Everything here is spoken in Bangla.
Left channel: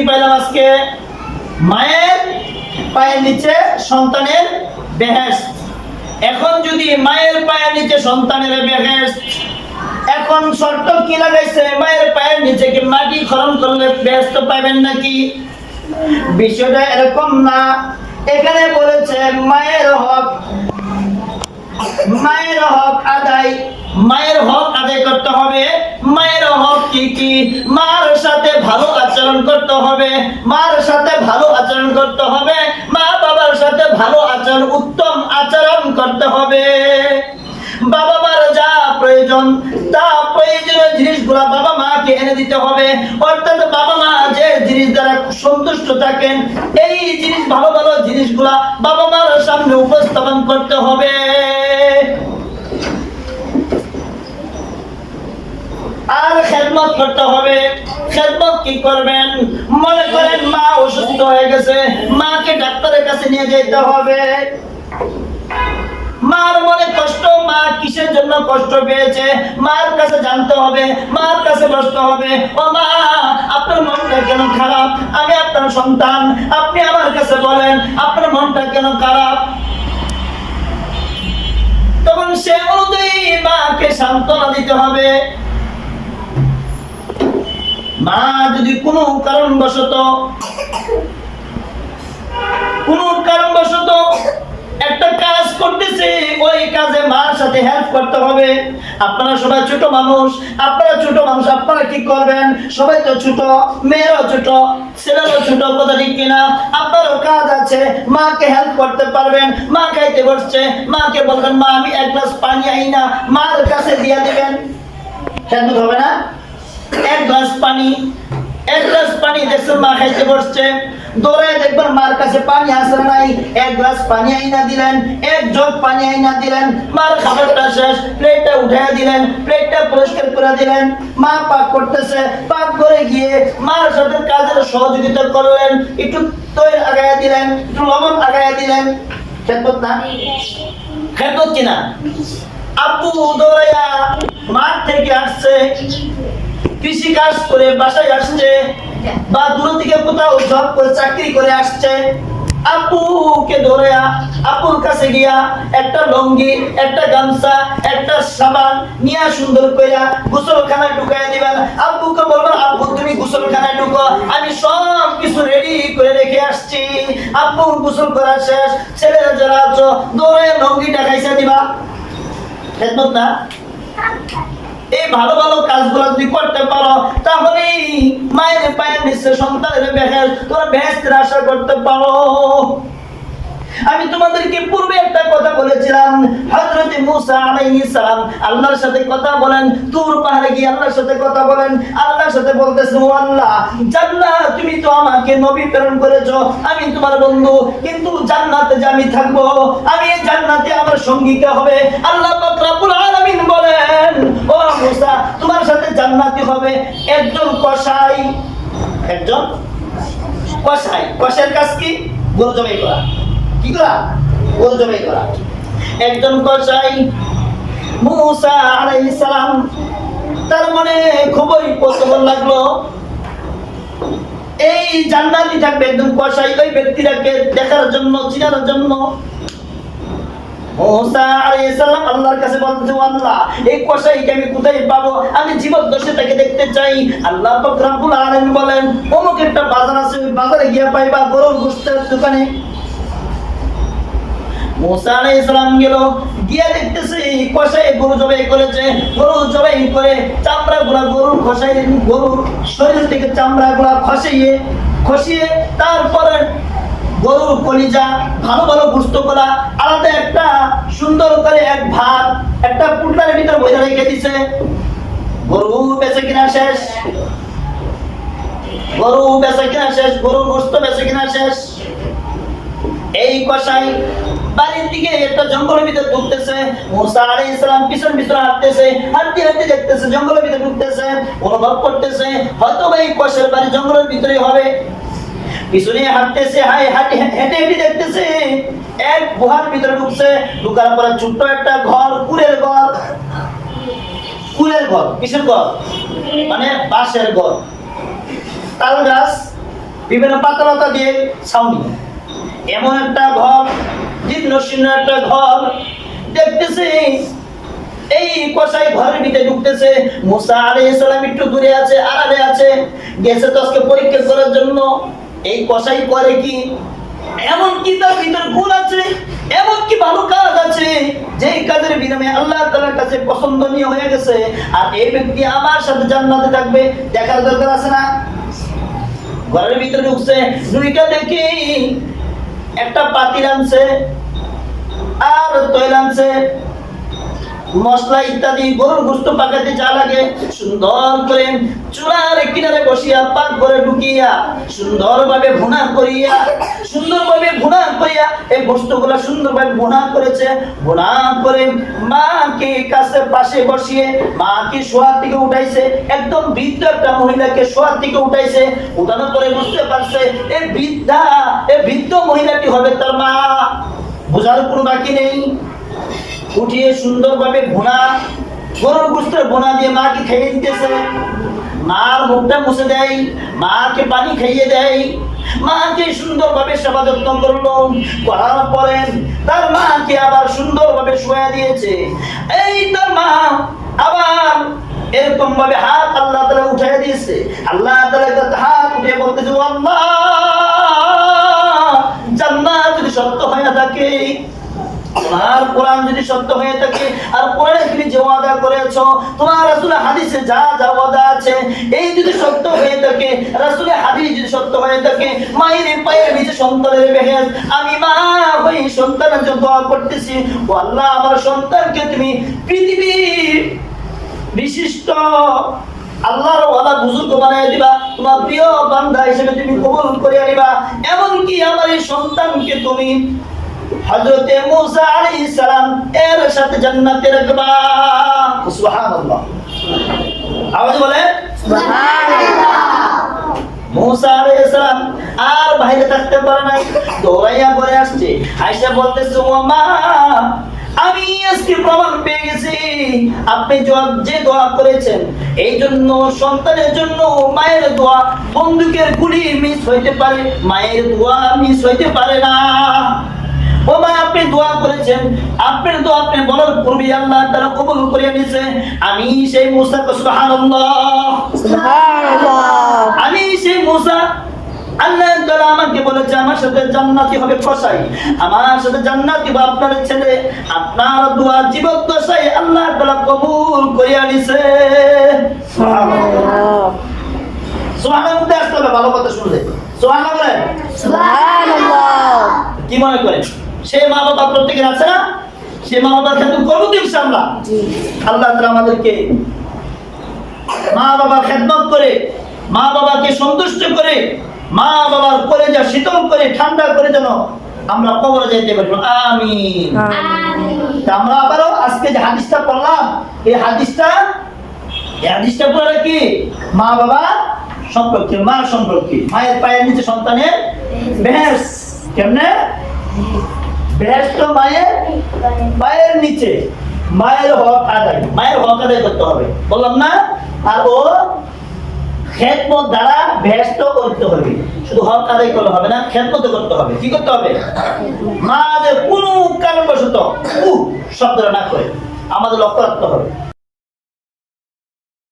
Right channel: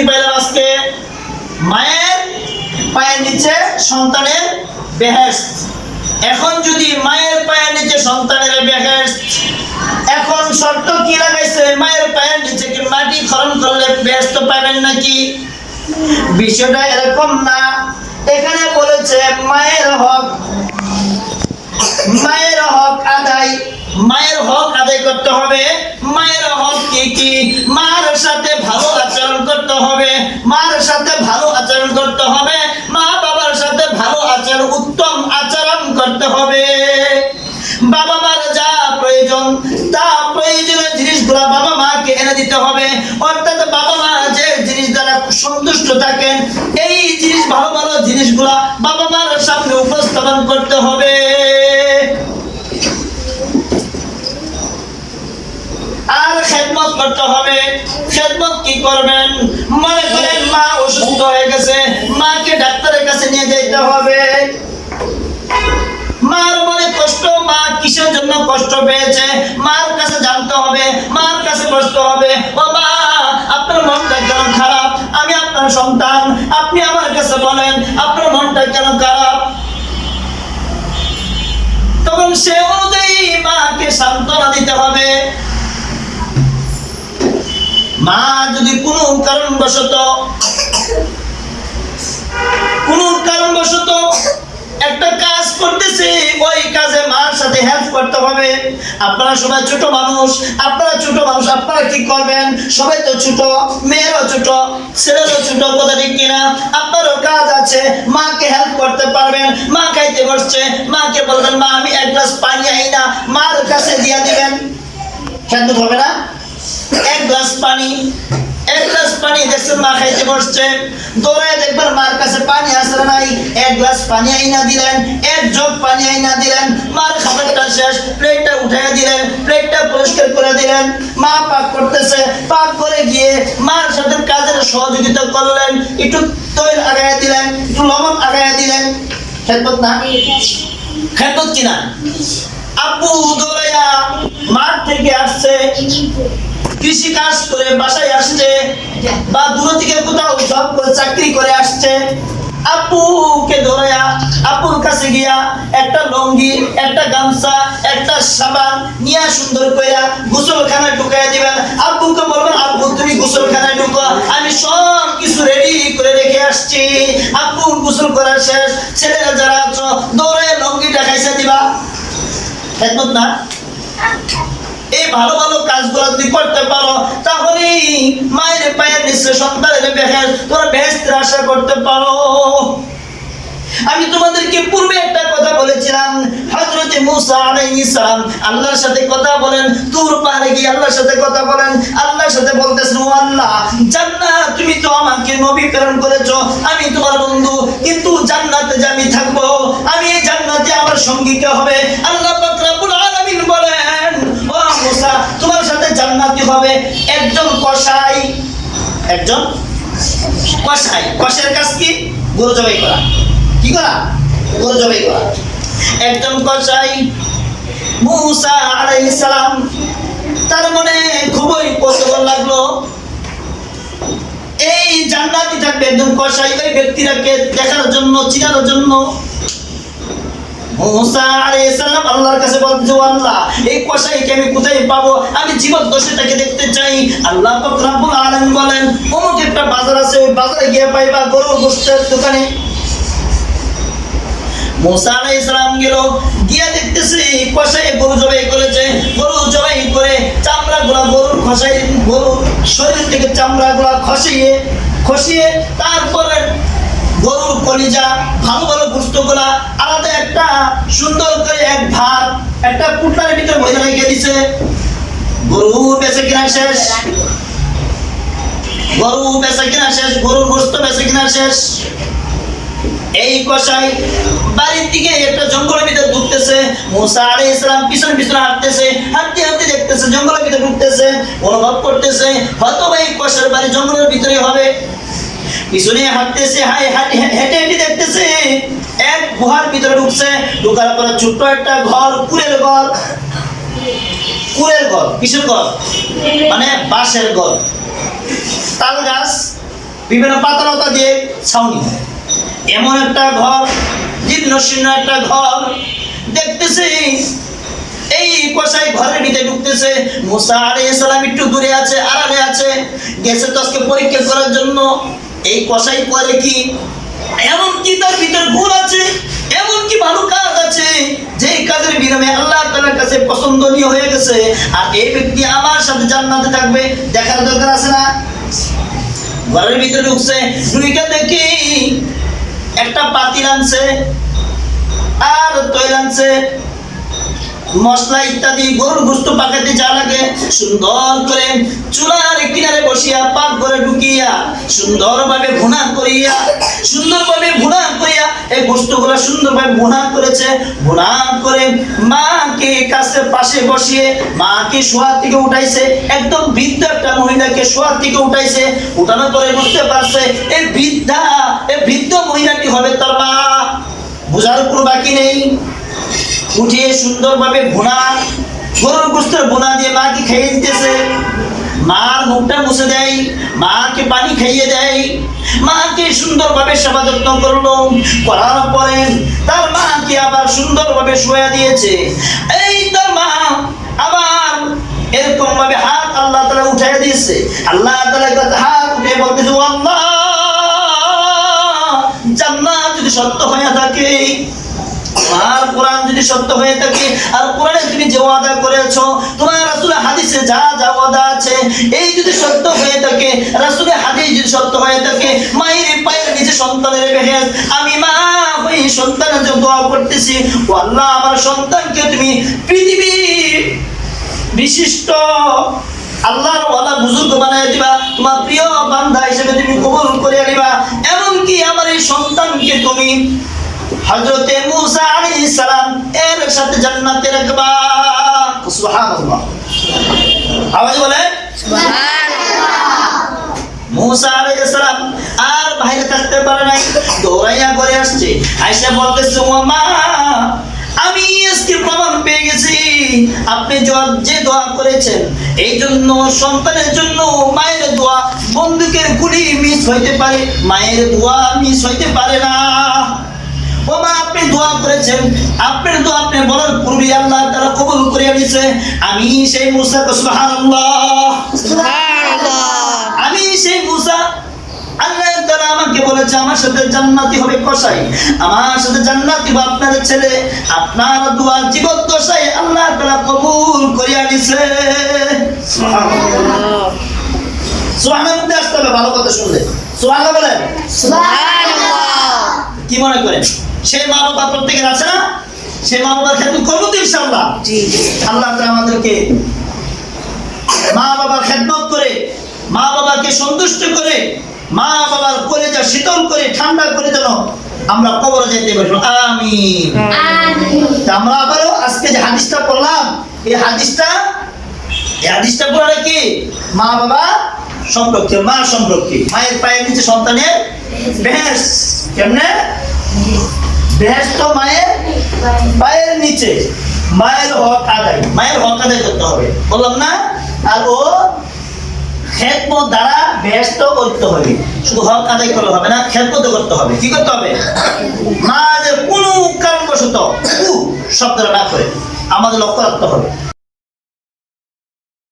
কি পাইলাম আজকে? মায়ের পায়ের নিচে সন্তানের বেহেস্ত এখন যদি মায়ের পায়ের নিচে সন্তানের বেহেস্ত এখন শর্ত কি লাগাইছে? মায়ের পায়ের নিচে কি মাটি খরণ করলে বেহেস্ত পাবেন নাকি? বিষয়টা এরকম না। এখানে বলেছে, মায়ের হক মায়ের হক আদায় মায়ের হক আদায় করতে হবে। মায়ের হক কি কি? মার সাথে ভালো আচরণ করতে হবে। মার সাথে ভালো আচরণ করতে হবে। মা বাবার সাথে ভালো আচরণ, উত্তম আচরণ করতে হবে। বাবা মার যা প্রয়োজন, তা প্রয়োজনীয় জিনিসগুলা বাবা মাকে এনে দিতে হবে। অর্থাৎ বাবা মা যে জিনিস দ্বারা সন্তুষ্ট থাকেন, এই জিনিস, ভালো ভালো জিনিসগুলা বাবা মার সামনে উপস্থাপন করতে হবে আর খেদমত করতে হবে। খেদমত কি করবেন? মনে করেন মা অসুস্থ হয়ে গেছে। মাকে ডাক্তারের কাছে নিয়ে যেতে হবে। মার মনে কষ্ট, মা কিসের জন্য কষ্ট পেয়েছে? মার কাছে জানতে হবে, মার কাছে বসতে হবে। ও মা, আপনার মনটা কেন খারাপ? আমি আপনার সন্তান। আপনি আমার কাছে বলেন, আপনার মনটা কেন খারাপ? তখন সে অনুযায়ী মাকে সান্ত্বনা দিতে হবে। মা যদি কোনো কারণবশত কোনো কারণবশত একটা কাজ করতেছে, ওই কাজে মার সাথে হেল্প করতে হবে। আপনারা সবাই ছোট মানুষ, আপনারা ছোট মানুষ, আপনারা কি করবেন? সবাই তো ছোট, মেয়েরাও ছোট, ছেলেরাও ছোট, কথা ঠিক কিনা? আপনারও কাজ আছে, মাকে হেল্প করতে পারবেন, মা খাইতে বসছে, মাকে বলবেন, মা, আমি এক গ্লাস পানি আই না, মার কাছে দিয়ে দিবেন। খেদমত হবে না? পানি, এক গ্লাস পানি দেখছেন মা খাইতে বসছে। দৌড়ায় দেখবেন মার কাছে পানি আসলে নাই। এক গ্লাস পানি আইনা দিলেন, এক জগ পানি আইনা দিলেন। মার খাবারটা শেষ, প্লেটটা উঠাইয়া দিলেন, প্লেটটা পরিষ্কার করে দিলেন। মা পাক করতেছে, পাক করে গিয়ে মার সাথে কাজের সহযোগিতা করলেন, একটু তৈল আগায়া দিলেন, একটু লবণ আগায়া দিলেন। খেদমত না? খেদমত কিনা? আব্বু দৌড়াইয়া মাঠ থেকে আসছে। কৃষি কাজ করে বাসায় আসছে বা দূর থেকে কোথাও জব করে চাকরি করে আসছে। আপুকে ধরে আপুর কাছে গিয়া একটা লঙ্গি একটা গামছা একটা সাবান নিয়া সুন্দর কইরা গোসলখানা ঢুকাই দিবেন। আব্বুকে বলবেন আব্বু তুমি গোসলখানায় ঢুকো আমি সব কিছু রেডি করে রেখে আসছি। আপু গোসল করা শেষ ছেলেরা যারা আছো দৌড়ে লঙ্গিটা খাইছে দিবা। খেদমত না? এই ভালো ভালো কাজগুলো যদি করতে পারো তাহলে মায়ের পায়ের নিচে সন্তানের বেহেস তোমরা বেহেস্তের আশা করতে পারো। আমি তোমাদেরকে পূর্বে একটা কথা বলেছিলাম, হযরত মুসা আলাইহিস সালাম আল্লাহর সাথে কথা বলেন তুর পাহাড়ে গিয়ে আল্লাহর সাথে কথা বলেন, আল্লাহর সাথে বলতেছেন, ও আল্লাহ, জান্নাত তুমি তো আমাকে নবী প্রেরণ করেছ, আমি তোমার বন্ধু, কিন্তু জান্নাতে যে আমি থাকব, আমি এই জান্নাতে আমার সঙ্গীকে হবে? আল্লাহ পাক রব্বুল আলামিন বলেন মুসা, তোমার সাথে জান্নাতি হবে একজন কসাই। একজন? কসাই। কষের কাজ কি? গরু জবাই করা। কি করা? গরু জবাই করা। একজন কসাই মুসা আলাইহিস সালাম, তার মনে খুবই কৌতূহল লাগল। এই জান্নাতি থাকবে একজন কসাই ওই ব্যক্তিটাকে দেখার জন্য, চিনার জন্য। মুসা আলাইহিস সালাম আল্লাহর কাছে বলতেছে, "ও আল্লাহ, এই কসাইকে আমি কোথায় পাবো? আমি জীবদ্দশায় তাকে দেখতে চাই। আল্লাহ পাক রব্বুল আলামিন বলেন, অমুক একটা বাজার আছে, ওই বাজারে গিয়ে পাইবা গরুর গোশতের দোকানে। মুসা আলাইহিস সালাম গেল, গিয়া দেখতেছে কসাই গরু জবাই করেছে। গরু জবাই করে চামড়া গুলা গরুর খসাই গরুর শরীর থেকে চামড়া গুলা খসিয়ে খসিয়ে তারপরে গরুর কলিজা, ভালো ভালো গুস্তগুলা আলাদা একটা সুন্দর করে এক ভাত, একটা পুটলার ভিতর বইয়া রেখে দিছে। গরু বেঁচে কিনা শেষ। গরু বেঁচে কিনা শেষ, গরুর গোস্ত বেঁচে কিনা শেষ। এই কসাই বাড়ির দিকে একটা জঙ্গলের ভিতরে ঢুকতেছে। মুসা আলাইহিস সালাম পিছনে পিছনে হাঁটতেছে, হাঁটতে হাঁটতে দেখতেছে জঙ্গলের ভিতরে ঢুকতেছে, অনুভব করতেছে হয়তো বা এই কষার বাড়ি জঙ্গলের ভিতরে হবে। পিছনে হাঁটতেছে হাই হাঁটে, হেঁটে দেখতেছে। এক গুহার ভিতরে ঢুকছে, ঢুকার পরে ছোট্ট একটা ঘর কুড়ের ঘর। কুড়ের ঘর, কিসের ঘর? মানে বাঁশের ঘর। তাল গাছ, বিভিন্ন পাতালতা দিয়ে ছাউনি। এমন একটা ঘর জীর্ণ শীর্ণ একটা ঘর। দেখতেছে, এই কষাই ঘরের ভিতরে ঢুকতেছে। মুসা আলাইহিস সালাম একটু দূরে আছে, আড়ালে আছে। গেছে তো পরীক্ষা করার জন্য। এই কষাই করে কি? এমন কি তার ভিতর গুণ আছে এমন কি ভালো কাজ আছে যে কাজের বিনিময়ে আল্লাহ তাআলার কাছে পছন্দনীয় হয়ে গেছে, আর এই ব্যক্তি আমার সাথে জান্নাতে থাকবে দেখার দরকার আছে না? ঘরের ভিতরে ঢুকছে ঢুকে দেখি একটা পাতিল আনছে, আর তৈল আনছে মশলা ইত্যাদি, গরুর গোস্ত পাকাতে যা লাগে, সুন্দর করে চুলার কিনারে বসিয়া পাক করে ঢুকিয়া, সুন্দরভাবে ভুনা করিয়া, সুন্দরভাবে ভুনা করিয়া, এই গোস্তগুলা সুন্দরভাবে ভুনা করেছে। ভুনা করে মাকে কাছে পাশে বসিয়ে, মাকে শোয়ার থেকে উঠাইছে। একদম বৃদ্ধ একটা মহিলাকে শোয়ার থেকে উঠাইছে। উঠানো করে বুঝতে পারছে এই বৃদ্ধা এই বৃদ্ধ মহিলাটি হবে তার মা। বোঝার কোনো বাকি নেই। উঠিয়ে সুন্দরভাবে ভুনা গরুর গোস্তের ভুনা দিয়ে মাকে খাইয়ে দিতেছে। মার মুখটা মুছে দেয়, মাকে পানি খাইয়ে দেয়। মাকে সুন্দরভাবে সেবা যত্ন করল, করার পরে তার মাকে আবার সুন্দরভাবে শোয়া দিয়েছে। এই তার মা, আবার এরকম ভাবে হাত আল্লাহ তালা উঠাই দিয়েছে। আল্লাহ তালা হাত উঠে বলতেছে "ও আল্লাহ, জান্নাত যদি সত্য হয়ে থাকে আর কোরআন যদি সত্য হয়ে থাকে, আর কোরআনে তুমি যে ওয়াদা করেছ, তোমার রাসূল হাদিসে যা যা ওয়াদা আছে, এই যদি সত্য হয়ে থাকে, রাসূলের হাদিস যদি সত্য হয়ে থাকে, মায়ের পায়ের নিচে সন্তানের বেহেস আমি মা হই সন্তানের জন্য দোয়া করতেছি। ও আল্লাহ, আমার সন্তানকে তুমি পৃথিবীর বিশিষ্ট আল্লাহর ওয়ালা বুজুর্গ বানাই দিবা, তোমার প্রিয় বান্দা হিসেবে তুমি কবুল করে আনিবা। এমনকি আমার এই সন্তানকে তুমি হযরতে মুসা আলাইহিস সালাম এর সাথে জান্নাতে রাখবা সুবহানাল্লাহ। আওয়াজ বলে মুসা আলাইহিস সালাম আর বাইরে থাকতে পারে নাই দৌড়াইয়া করে আসছে। আয়সা বলতেছে ও মা আমি আজকে প্রমাণ পেয়ে গেছি। আপনি যে দোয়া করেছেন এই জন্য সন্তানের জন্য মায়ের দোয়া বন্দুকের গুলি মিস হইতে পারে মায়ের দোয়া মিস হইতে পারে না। ও মা আপনি দোয়া করেছেন। আপনার দোয়া আপনি বলার পূর্বে আল্লাহ তারা কবুল করে নিছে আমি সেই মুসা সুবহানাল্লাহ। আমি সেই মুসা আল্লাহ তাআলা আমাকে বলেছে আমার সাথে জান্নাতি হবে কসাই। আমার সাথে জান্নাতি হবে আপনার ছেলে। আপনার দোয়া জীবন দশাই আল্লাহ তাআলা কবুল করিয়া নিছে সুবহানাল্লাহ। আসতে হবে ভালো কথা শুনলে। সুবহানাল্লাহ বলেন। কি মনে করেন? সে মা বাবা প্রত্যেকের আছে না? সে মা বাবার খেদমত করব তো ইনশাআল্লাহ। আল্লাহ তাআলা আমাদেরকে মা বাবার খেদমত করে মা বাবাকে সন্তুষ্ট করে মা বাবার করে যা শীতল করে ঠান্ডা করে যেন আমরা কবরে যাইতে পারি। আমি তা আমরা আবারও আজকে যে হাদিসটা পড়লাম এই হাদিসটা এই হাদিসটা পড়লে কি? মা বাবা সম্পর্কে মা সম্পর্কে। মায়ের পায়ের নিচে সন্তানের বেহেস কেমনে? বেহেস তো মায়ের পায়ের নিচে। মায়ের হক আদায়। মায়ের হক আদায় করতে হবে। বললাম না? আর ও খেদমত দ্বারা ব্যস্ত করতে হবে। শুধু হক আদায় করলে হবে না, খেদমত করতে হবে। কি করতে হবে? মা যে কোনো কারণবশত শব্দটা না করে আমাদের লক্ষ্য রাখতে হবে।